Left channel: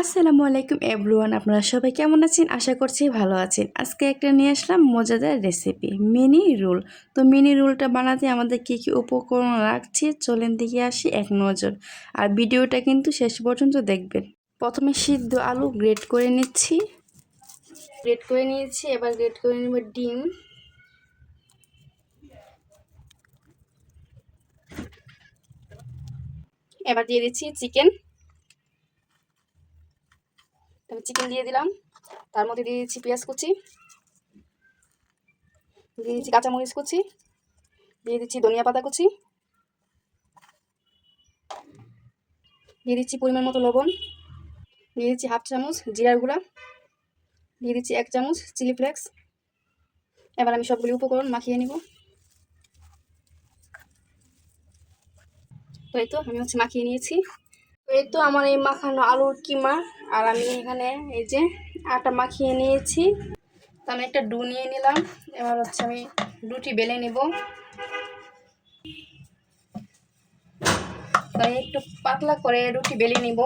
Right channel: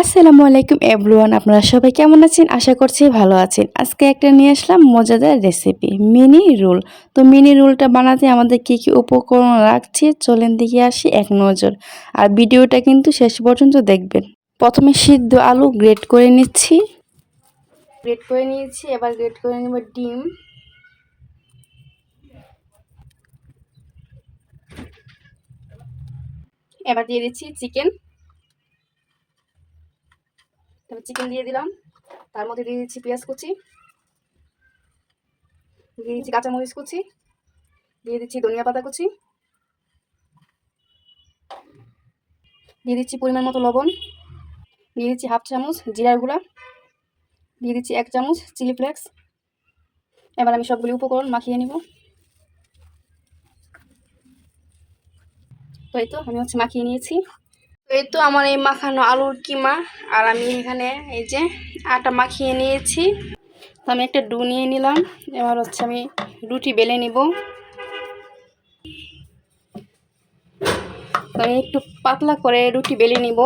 আসসালামু আলাইকুম এভরিওয়ান, আপনারা সবাই কেমন আছেন? আশা করছি ভালো আছেন। আজকে একটা নিয়ে আসলাম মজাদার রেসিপি, মিনি রোল। তো মিনি রোলটা বানাতে আমাদের কী উপকরণ রাখছি চলেন দেখে আসি এক নজর। আর ভিডিওটা কিন্তু শেষ পর্যন্ত দেখবেন। প্রথমে সিদ্ধ আলু গ্রেট করে নিচ্ছি। গ্রেট করে নিয়েছি, এবার গ্রেট করে নেব ডিম। এবার দিয়ে দিচ্ছি চিকেন। তারপর চিকেন দিয়ে দিলাম, তার মধ্যে দিয়ে দিচ্ছি পেঁয়াজ কুচি, দিয়ে দিচ্ছি কাঁচামরিচ কুচি, দিয়ে দিচ্ছি ধনিয়া পাতা কুচি, দিয়ে দিচ্ছি পরিমাণ মতো লবণ, দিয়ে দিচ্ছি হাফ চামচ জিরার গুঁড়া, দিয়ে দিচ্ছি 1 চামচ চিলি ফ্লেক্স। এবার আমি সবগুলি উপকরণ মাখিয়ে নিব। তো এই তো আমি মাখিয়ে নিয়েছি। তো এই তো আমার এই মাখানো আলুর কিমা। আর আমি এখানে এই যে আটা মাখিয়ে নিয়েছি। তো আমি একটা ডো নিয়ে নিলাম। এবার আমি রুটি বেলে নিব। আমি একটু পাতলা করে রুটি বেলে নিব,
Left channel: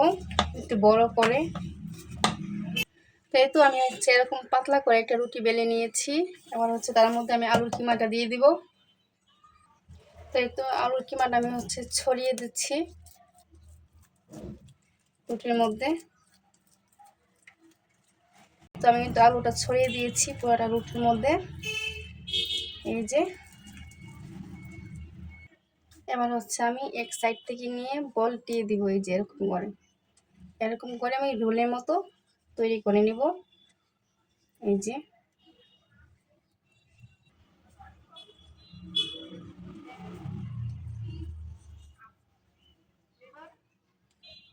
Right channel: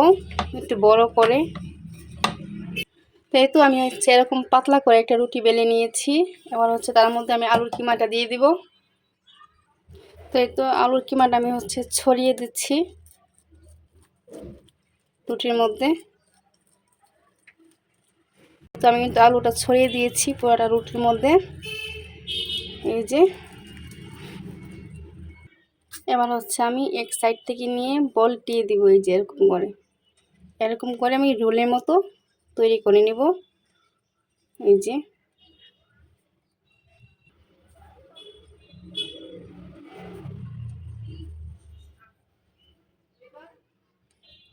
একটু বড় করে। তো এই তো আমি এরকম পাতলা করে একটা রুটি বেলে নিয়েছি। এবার তার মধ্যে আমি আলুর কিমাটা দিয়ে দিব। তো এই তো আলুর কিমাটা আমি ছড়িয়ে দিচ্ছি রুটির মধ্যে। তো আমি কিন্তু আলুটা ছড়িয়ে দিয়েছি পুরোটা রুটির মধ্যে, এই যে। এবার আমি এক সাইড থেকে নিয়ে বলটিয়ে দিব, এই যে এরকম করে আমি রোলের মতো তৈরি করে নিব, এই যে।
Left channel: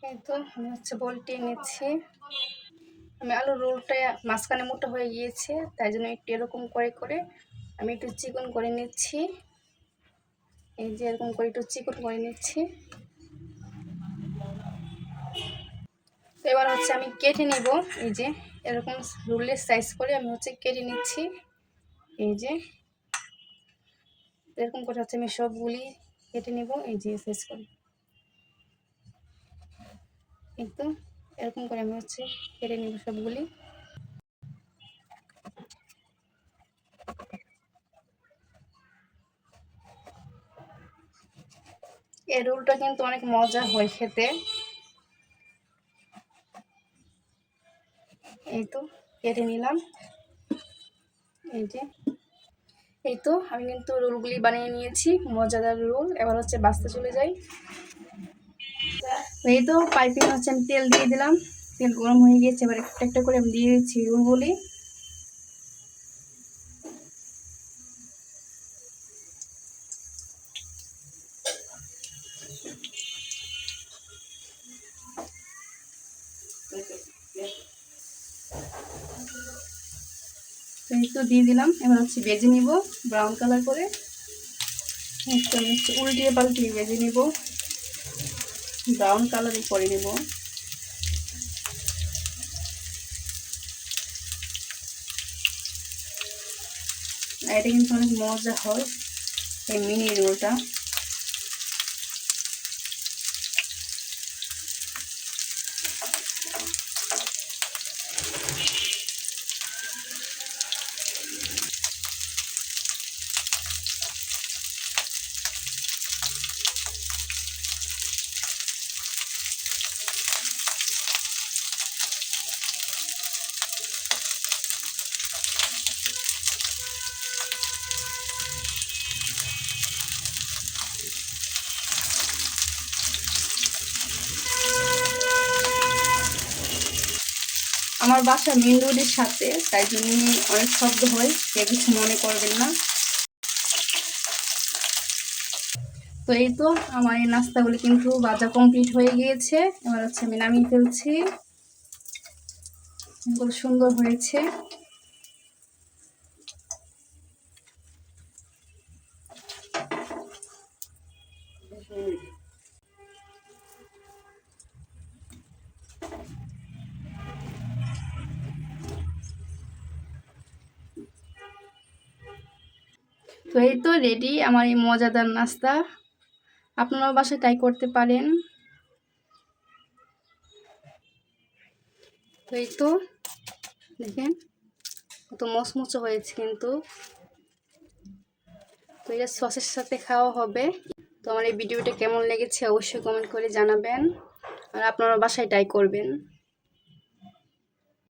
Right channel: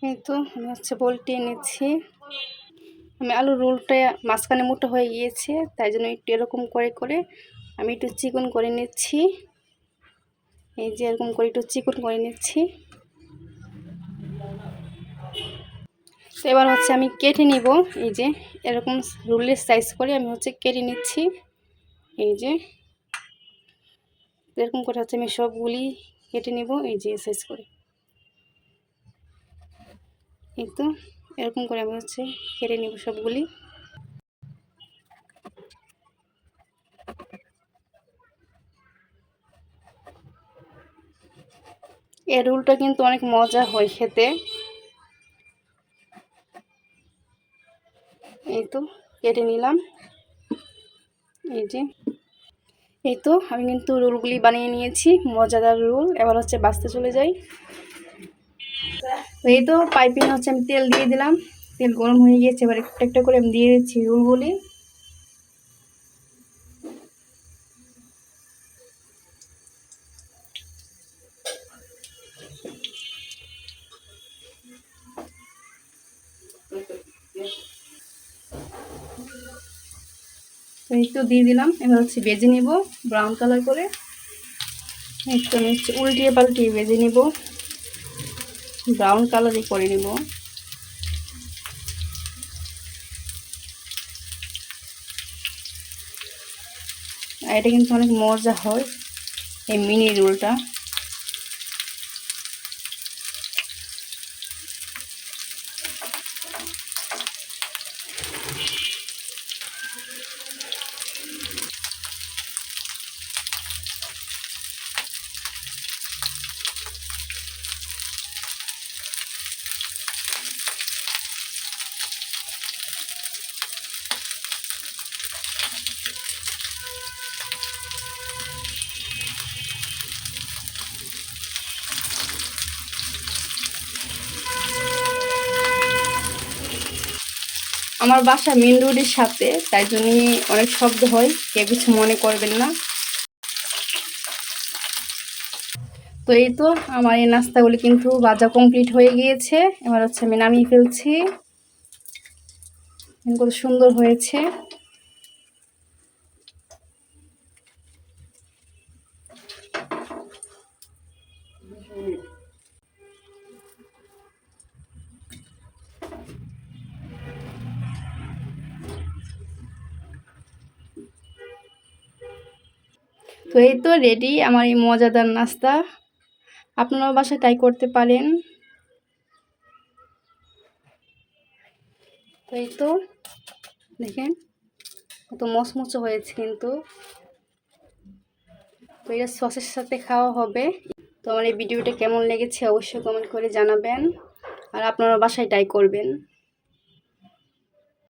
এই তো আমি বলটিয়ে নিচ্ছি। আমি আলুর রোলটা মাঝখানে মোটা হয়ে গিয়েছে, তাই জন্য একটু এরকম করে করে আমি একটু চিকন করে নিচ্ছি, এই যে এরকম করে একটু চিকন করে নিচ্ছি। তো এবার আমি কেটে নিব, এই যে এরকম রোলের সাইজ করে আমি কেটে নিচ্ছি, এই যে এরকম করে আমি সবগুলি কেটে নিব, এই যে সাইজ করে। এই তো এরকম করে আমি কেটে নিব সবগুলি। এই রোলটা কিন্তু অনেক মজা হয় খেতে। এই তো কেটে নিলাম, এই যে। এই তো আমি কিন্তু রোলগুলি বানিয়ে নিয়েছি, মজাদার রোল। এবার বাছতে চলে যাই। এই তো পাইপিং আমি তেল দিয়ে দিলাম, তেল গরম হয়ে গিয়েছে। এবার একটা একটা করে আমি দিয়ে দিচ্ছি রোলগুলি। এই তো দিয়ে দিলাম। এবার ভেজে নিব ব্রাউন কালার করে। একটু আমি উল্টিয়ে পাল্টিয়ে ভেজে নিব, ব্রাউন কালারই করে নিব। আর এটা কিন্তু অনেক মজা হয় এই মিনি রোলটা। আমার বাসা মেন রোডের সাথে, তাই জন্য অনেক শব্দ হয়, কেউ কিছু মনে করবেন না। তো এই তো আমার এই নাস্তাগুলি কিন্তু ভাজা কমপ্লিট হয়ে গিয়েছে। এবার আমি নামিয়ে ফেলছি। কত সুন্দর হয়েছে। তো এই তো রেডি আমার এই মজাদার নাস্তা। আপনারাও বাসায় ট্রাই করতে পারেন। তো এই তো দেখেন কত মচমচে হয়েছে কিন্তু। তো এটা সসের সাথে খাওয়া হবে। তো আমার এই ভিডিওটা কেমন লেগেছে অবশ্যই কমেন্ট করে জানাবেন, আর আপনারা বাসায় ট্রাই করবেন।